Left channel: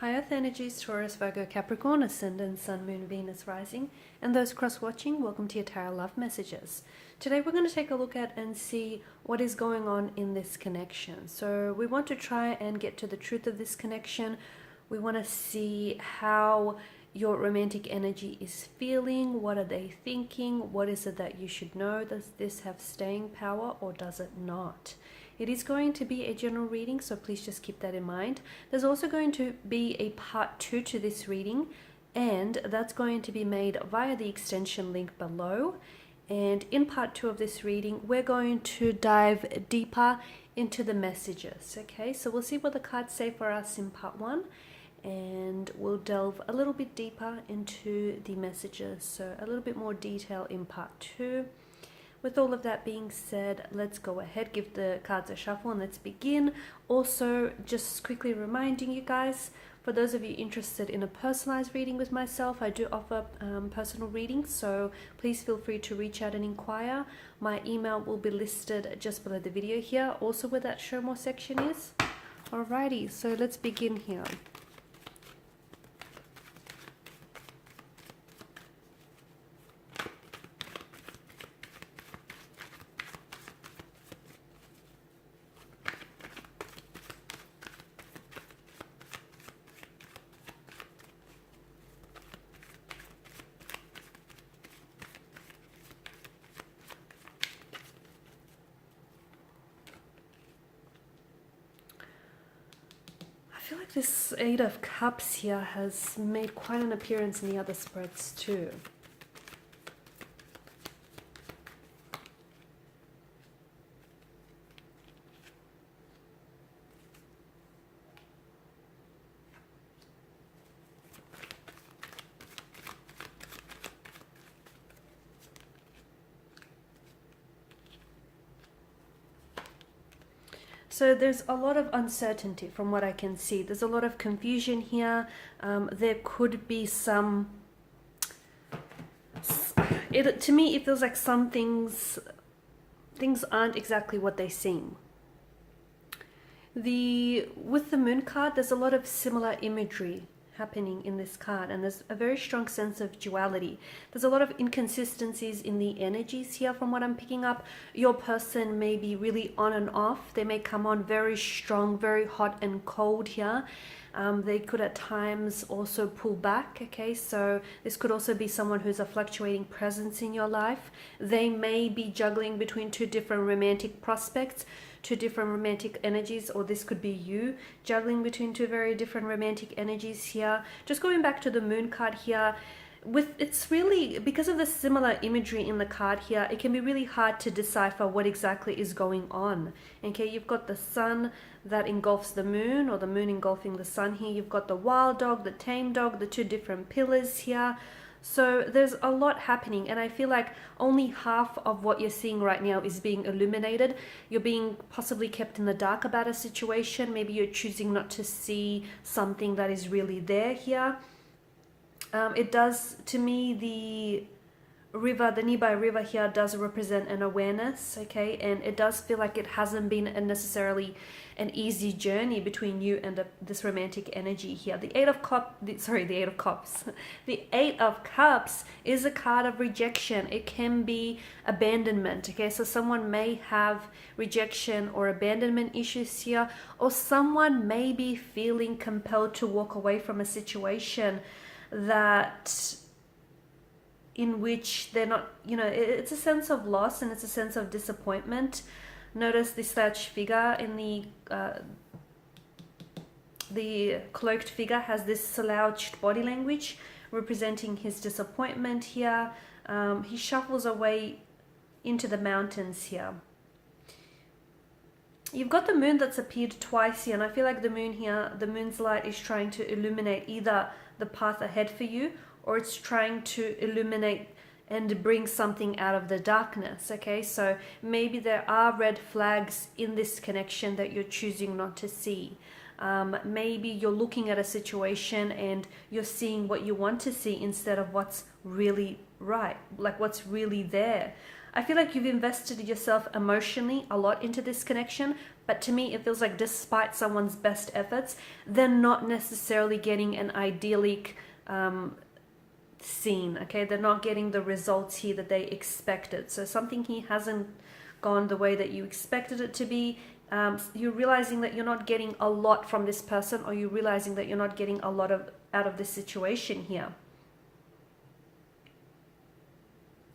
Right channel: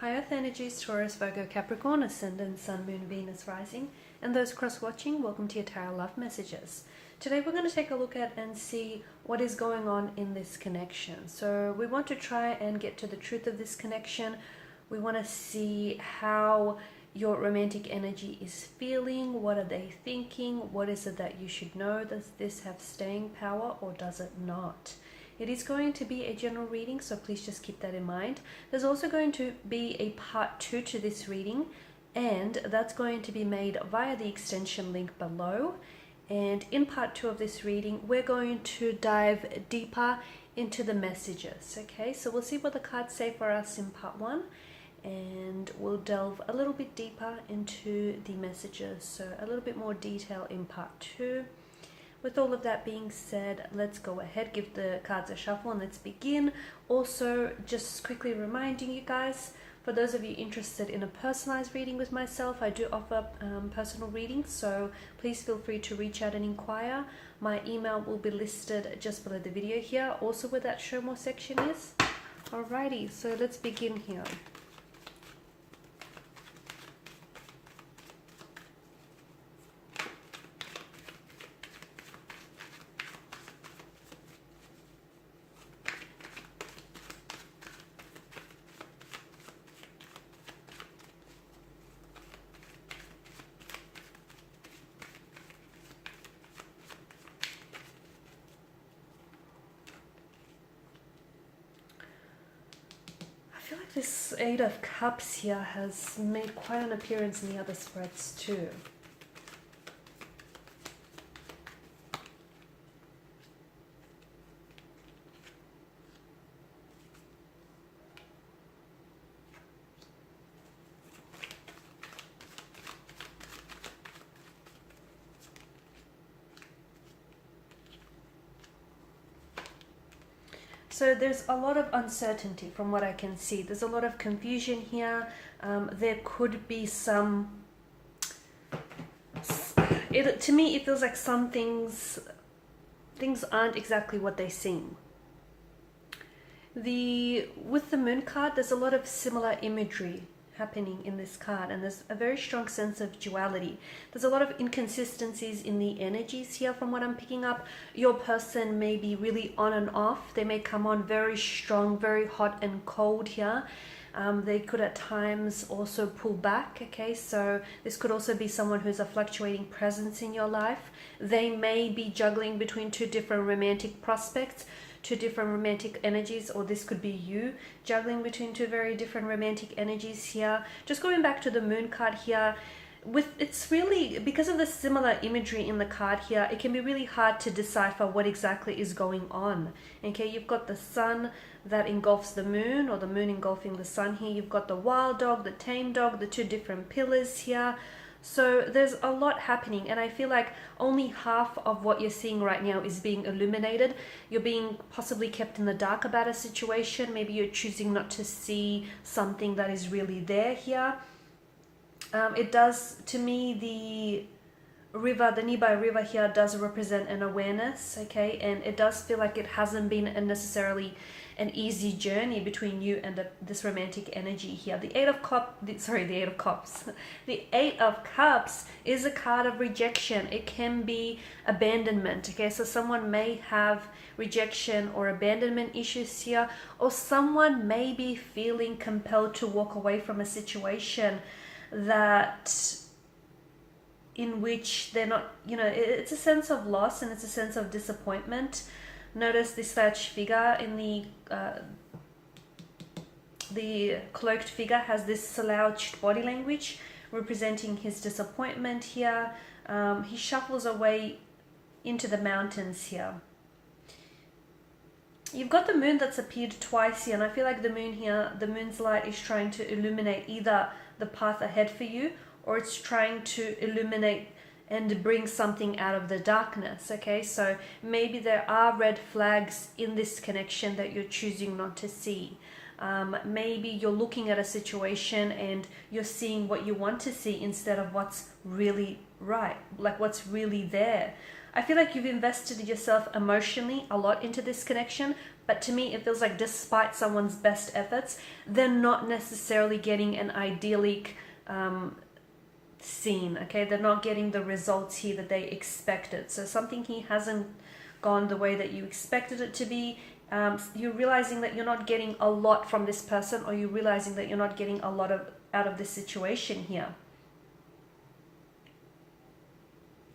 High Earth energies, Taurus, Virgo, Capricorn, Ascendant, Sun, Moon, Venus, Rising, and those cross-watching, welcome to your Tarot Love Messages. Today we're going to take a look at and see what is going on in this connection. So we want to try and get to the truth of this connection. We want to see how your romantic energy is feeling. What are they thinking? What is it that you should know? Does this have staying power or does it not? It is going to be a general reading, so please just keep that in mind. There's also going to be a part 2 to this reading, and that's going to be made via the extension link below. And in part 2 of this reading, we're going to dive deeper into the messages. Okay, so we'll see what the cards say for us in part 1, and we'll delve a little bit deeper into the messages, so a little bit more detail in part 2. With all of that being said, let's go ahead, give the cards a shuffle, and let's begin. Also, just quickly reminding you guys, for those of you interested in a personalized reading with myself, I do offer personal readings, so please feel free to reach out and inquire. My email will be listed just below the video here, also where that show more section is. Alrighty, so let's begin here. I feel like this Eight of Cups here has made quite an appearance in the other spreads too. So there's a lot of uncertainty from what I can see. There's a lot of confusion here. There could be some... to me, it feels like some things aren't exactly what they seem. With the Moon card, there's a lot of similar imagery happening in this card, and there's a very strong sense of duality. There's a lot of inconsistencies in the energies here from what I'm picking up. Your person may be really on and off. They may come on very strong, very hot and cold here. They could at times also pull back, okay? So this could also be someone who's a fluctuating presence in your life. They may be juggling between two different romantic prospects, two different romantic energies, or this could be you juggling between two very different romantic energies here. Just going back to the Moon card here, it's really, because of the similar imagery in the card here, it can be really hard to decipher what exactly is going on. Okay, you've got the Sun that engulfs the Moon, or the Moon engulfing the Sun here. You've got the wild dog, the tame dog, the two different pillars here. So there's a lot happening, and I feel like only half of what you're seeing right now is being illuminated. You're being possibly kept in the dark about a situation. Maybe you're choosing not to see something that is really there here. It does, to me, the river, the nearby river here does represent an awareness, okay? And it does feel like it hasn't been necessarily an easy journey between you and this romantic energy here. The Eight of Cups, the Eight of Cups is a card of rejection. It can be abandonment, okay? So someone may have rejection or abandonment issues here, or someone may be feeling compelled to walk away from a situation in which they're not, it's a sense of loss and it's a sense of disappointment. Notice this thatched figure in the cloaked figure has this slouched body language representing his disappointment here. He shuffles away into the mountains here. You've got the Moon that's appeared twice here, and I feel like the Moon here, the Moon's light is trying to illuminate either the path ahead for you, or it's trying to illuminate and bring something out of the darkness, okay? So maybe there are red flags in this connection that you're choosing not to see. Maybe you're looking at a situation and you're seeing what you want to see instead of what's really right, like what's really there. I feel like you've invested yourself emotionally a lot into this connection, but to me it feels like despite someone's best efforts, they're not necessarily getting an idyllic scene. Okay, they're not getting the results here that they expected. So something here hasn't gone the way that you expected it to be. You're realizing that you're not getting a lot from this person, or you're realizing that you're not getting a lot out of this situation here.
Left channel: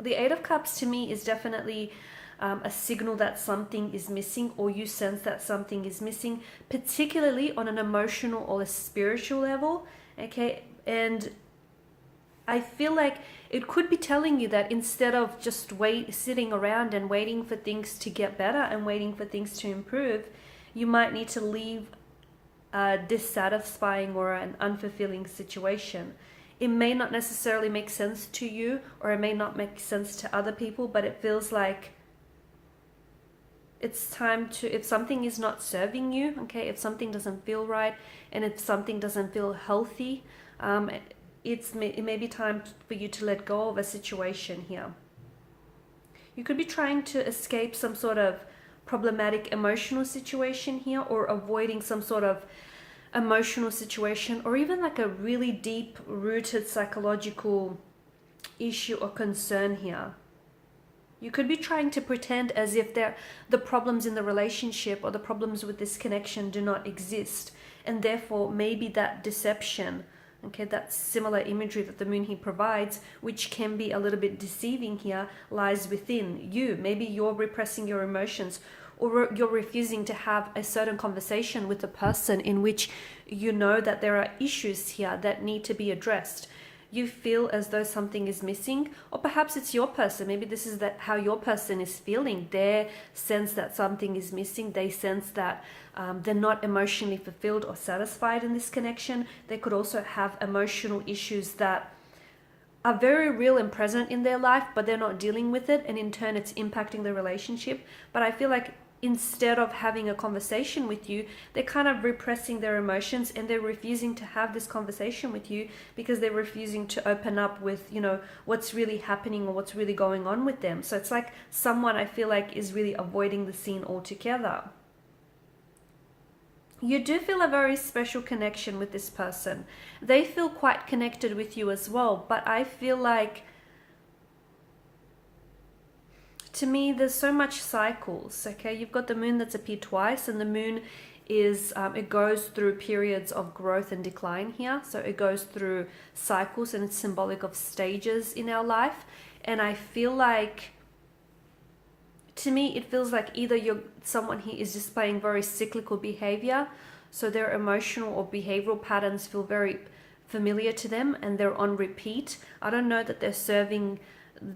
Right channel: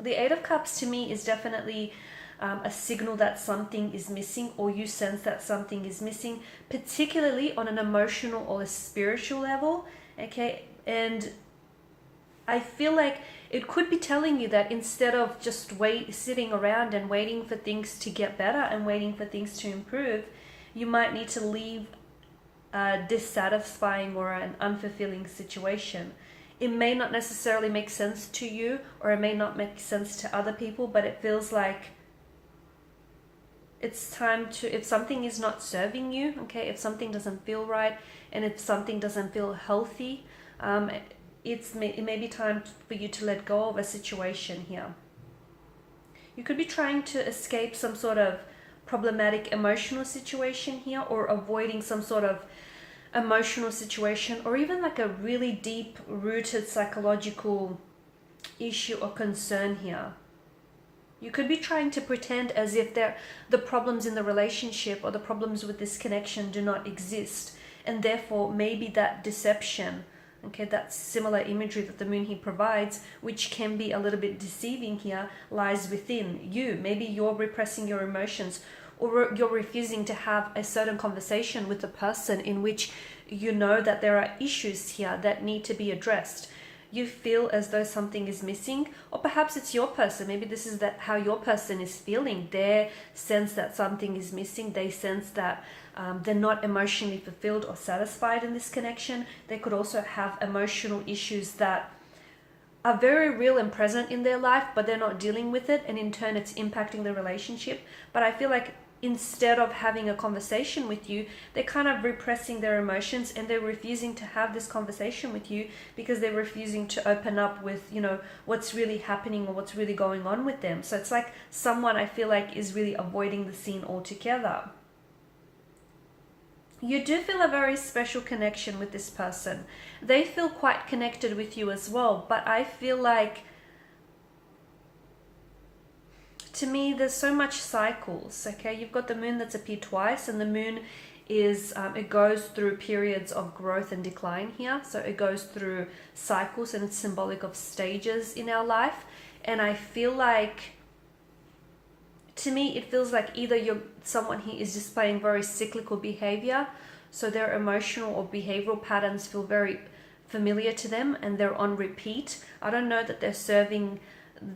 The Eight of Cups to me is definitely a signal that something is missing, or you sense that something is missing, particularly on an emotional or a spiritual level. Okay, and I feel like it could be telling you that instead of just sitting around and waiting for things to get better and waiting for things to improve, you might need to leave a dissatisfying or an unfulfilling situation. It may not necessarily make sense to you, or it may not make sense to other people, but it feels like it's time to, if something is not serving you, okay, if something doesn't feel right, and if something doesn't feel healthy, it may be time for you to let go of a situation here. You could be trying to escape some sort of problematic emotional situation here, or avoiding some sort of emotional situation, or even like a really deep rooted psychological issue or concern here. You could be trying to pretend as if the problems in the relationship or the problems with this connection do not exist, and therefore maybe that deception, okay, that similar imagery that the moon here provides, which can be a little bit deceiving here, lies within you. Maybe you're repressing your emotions, or you're refusing to have a certain conversation with the person in which you know that there are issues here that need to be addressed. You feel as though something is missing, or perhaps it's your person. Maybe this is how your person is feeling. They sense that something is missing. They sense that they're not emotionally fulfilled or satisfied in this connection. They could also have emotional issues that are very real and present in their life, but they're not dealing with it, and in turn it's impacting the relationship. But I feel like instead of having a conversation with you, they're kind of repressing their emotions, and they're refusing to have this conversation with you because they're refusing to open up with, what's really happening or what's really going on with them. So it's like someone, I feel like, is really avoiding the scene altogether. You do feel a very special connection with this person. They feel quite connected with you as well, but I feel like, to me, there's so much cycles, okay? You've got the moon that's appeared twice, and the moon is, it goes through periods of growth and decline here. So it goes through cycles, and it's symbolic of stages in our life. And I feel like, to me, it feels like either someone here is displaying very cyclical behavior, so their emotional or behavioral patterns feel very familiar to them and they're on repeat. I don't know that they're serving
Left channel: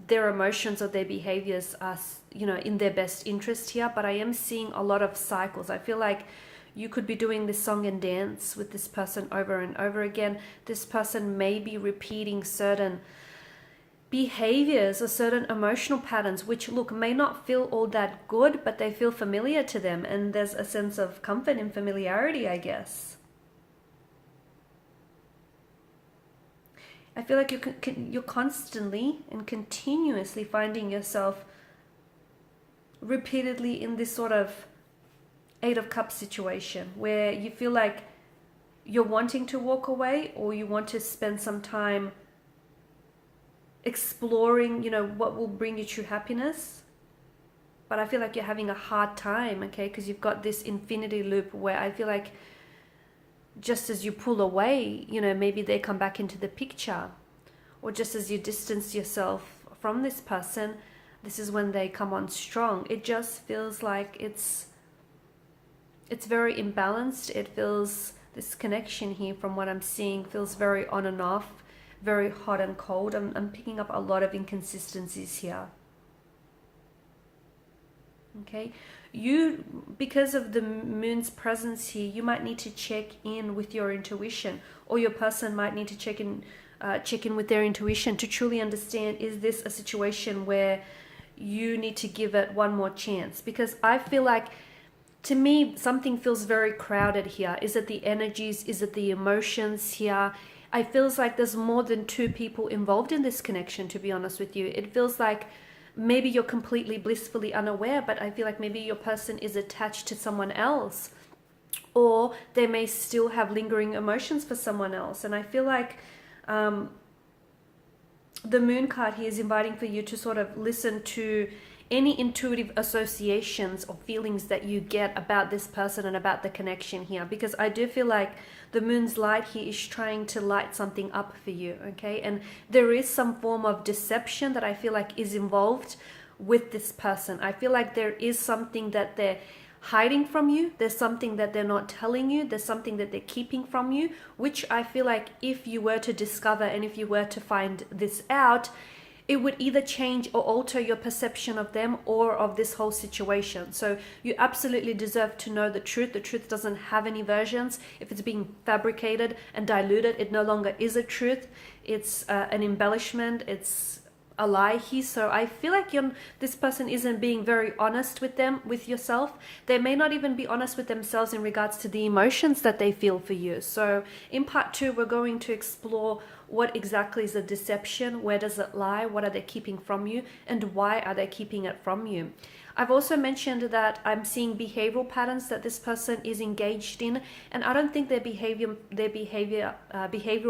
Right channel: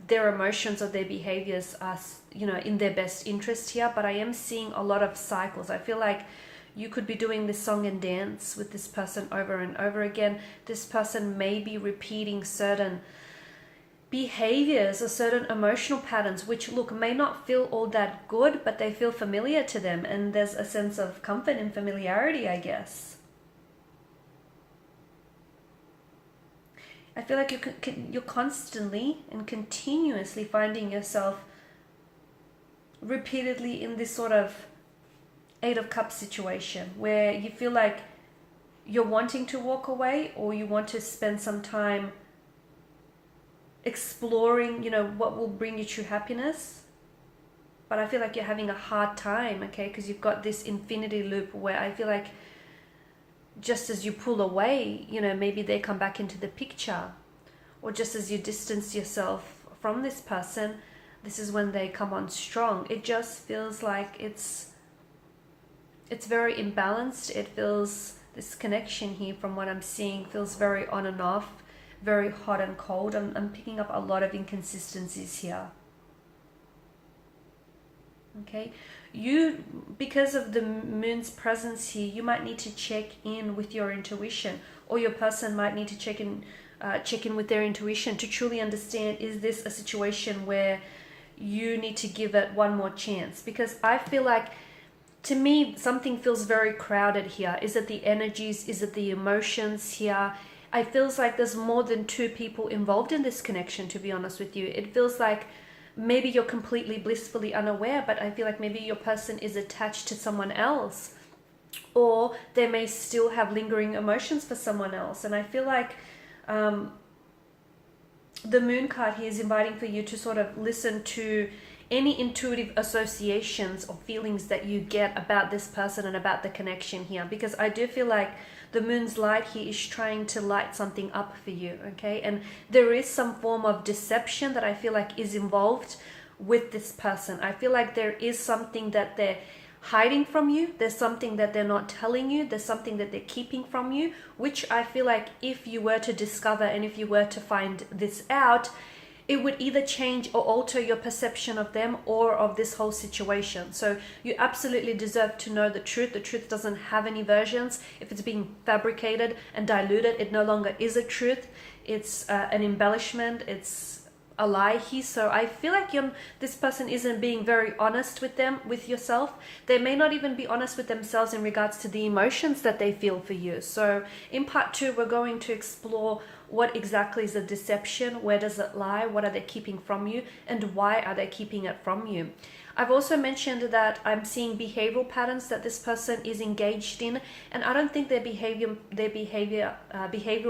their emotions or their behaviors as, in their best interest here, but I am seeing a lot of cycles. I feel like you could be doing this song and dance with this person over and over again. This person may be repeating certain behaviors or certain emotional patterns, which may not feel all that good, but they feel familiar to them, and there's a sense of comfort and familiarity, I guess. I feel like you're constantly and continuously finding yourself repeatedly in this sort of Eight of Cups situation where you feel like you're wanting to walk away, or you want to spend some time exploring, what will bring you true happiness. But I feel like you're having a hard time, okay, because you've got this infinity loop where I feel like just as you pull away, maybe they come back into the picture, or just as you distance yourself from this person, this is when they come on strong. It just feels like it's very imbalanced. It feels, this connection here, from what I'm seeing, feels very on and off, very hot and cold. I'm picking up a lot of inconsistencies here. Okay, because of the moon's presence here, you might need to check in with your intuition, or your person might need to check in with their intuition to truly understand, is this a situation where you need to give it one more chance? Because I feel like, to me, something feels very crowded here. Is it the energies? Is it the emotions here? It feels like there's more than two people involved in this connection, to be honest with you. It feels like maybe you're completely blissfully unaware, but I feel like maybe your person is attached to someone else, or they may still have lingering emotions for someone else. And I feel like the moon card here is inviting for you to sort of listen to any intuitive associations or feelings that you get about this person and about the connection here, because I do feel like the moon's light here is trying to light something up for you, okay? And there is some form of deception that I feel like is involved with this person. I feel like there is something that they're hiding from you. There's something that they're not telling you. There's something that they're keeping from you, which I feel like if you were to discover and if you were to find this out, it would either change or alter your perception of them or of this whole situation. So you absolutely deserve to know the truth. The truth doesn't have any versions. If it's being fabricated and diluted, it no longer is a truth. It's an embellishment. It's a lie here. So I feel like this person isn't being very honest with yourself. They may not even be honest with themselves in regards to the emotions that they feel for you. So in part 2, we're going to explore what exactly is the deception, where does it lie, what are they keeping from you, and why are they keeping it from you. I've also mentioned that I'm seeing behavioral patterns that this person is engaged in, and I don't think their behavioral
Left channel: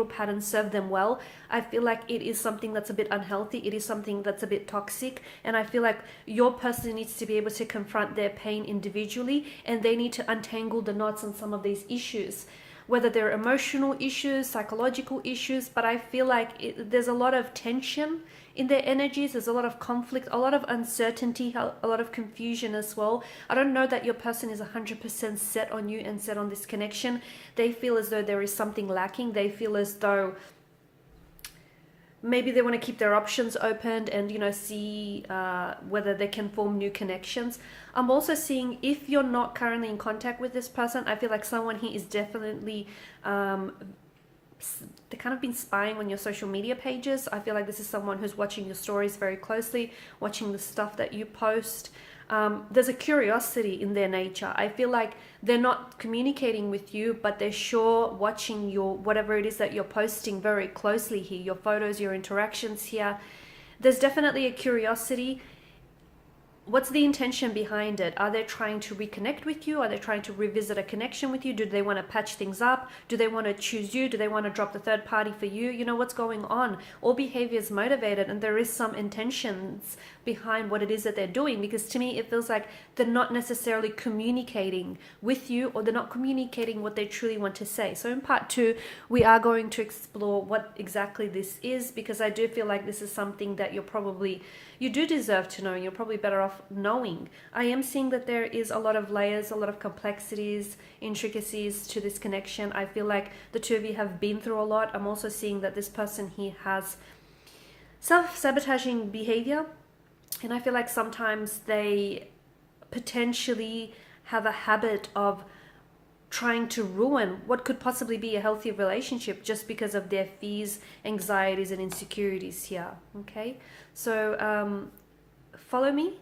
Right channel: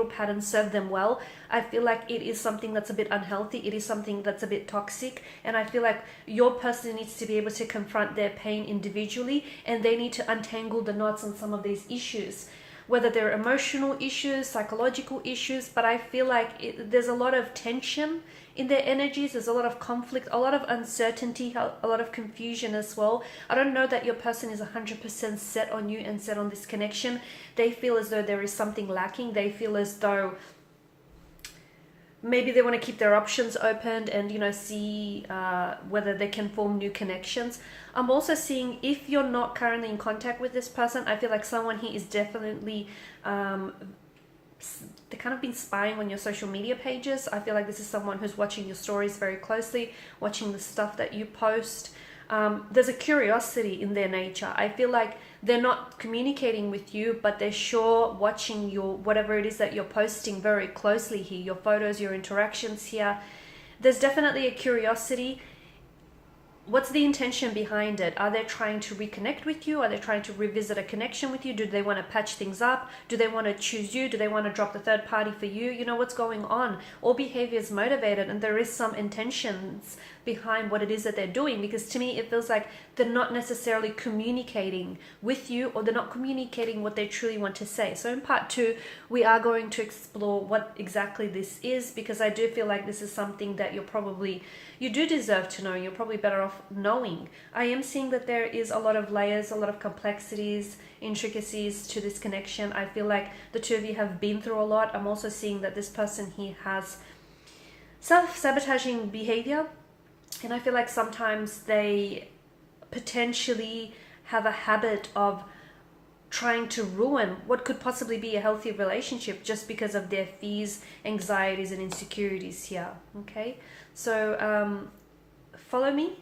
patterns serve them well. I feel like it is something that's a bit unhealthy. It is something that's a bit toxic, and I feel like your person needs to be able to confront their pain individually, and they need to untangle the knots on some of these issues, whether they're emotional issues, psychological issues. But I feel like there's a lot of tension in their energies. There's a lot of conflict, a lot of uncertainty, a lot of confusion as well. I don't know that your person is 100% set on you and set on this connection. They feel as though there is something lacking. They feel as though maybe they want to keep their options open and, see whether they can form new connections. I'm also seeing, if you're not currently in contact with this person, I feel like someone here is definitely they kind of been spying on your social media pages. I feel like this is someone who's watching your stories very closely, watching the stuff that you post. There's a curiosity in their nature. I feel like they're not communicating with you, but they're sure watching your whatever it is that you're posting very closely here, your photos, your interactions here. There's definitely a curiosity. What's the intention behind it? Are they trying to reconnect with you? Are they trying to revisit a connection with you? Do they want to patch things up? Do they want to choose you? Do they want to drop the third party for you? You know, what's going on? All behavior is motivated, and there is some intentions behind what it is that they're doing, because to me it feels like they're not necessarily communicating with you, or they're not communicating what they truly want to say. So in part 2, we are going to explore what exactly this is, because I do feel like this is something that you do deserve to know. You're probably better off knowing. I am seeing that there is a lot of layers, a lot of complexities, intricacies to this connection. I feel like the two of you have been through a lot. I'm also seeing that this person here has self-sabotaging behavior, and I feel like sometimes they potentially have a habit of trying to ruin what could possibly be a healthy relationship just because of their fears, anxieties, and insecurities here. Okay, so follow me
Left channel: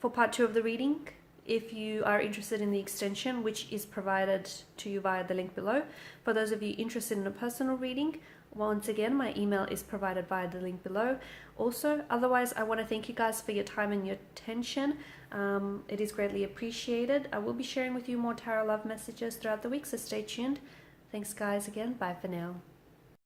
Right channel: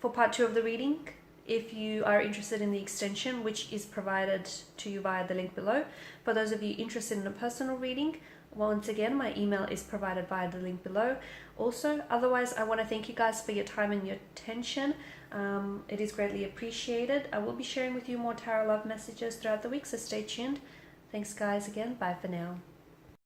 for part 2 of the reading if you are interested in the extension, which is provided to you via the link below. For those of you interested in a personal reading, once again, my email is provided via the link below. Also, otherwise, I want to thank you guys for your time and your attention. It is greatly appreciated. I will be sharing with you more tarot love messages throughout the week, so stay tuned. Thanks, guys, again. Bye for now.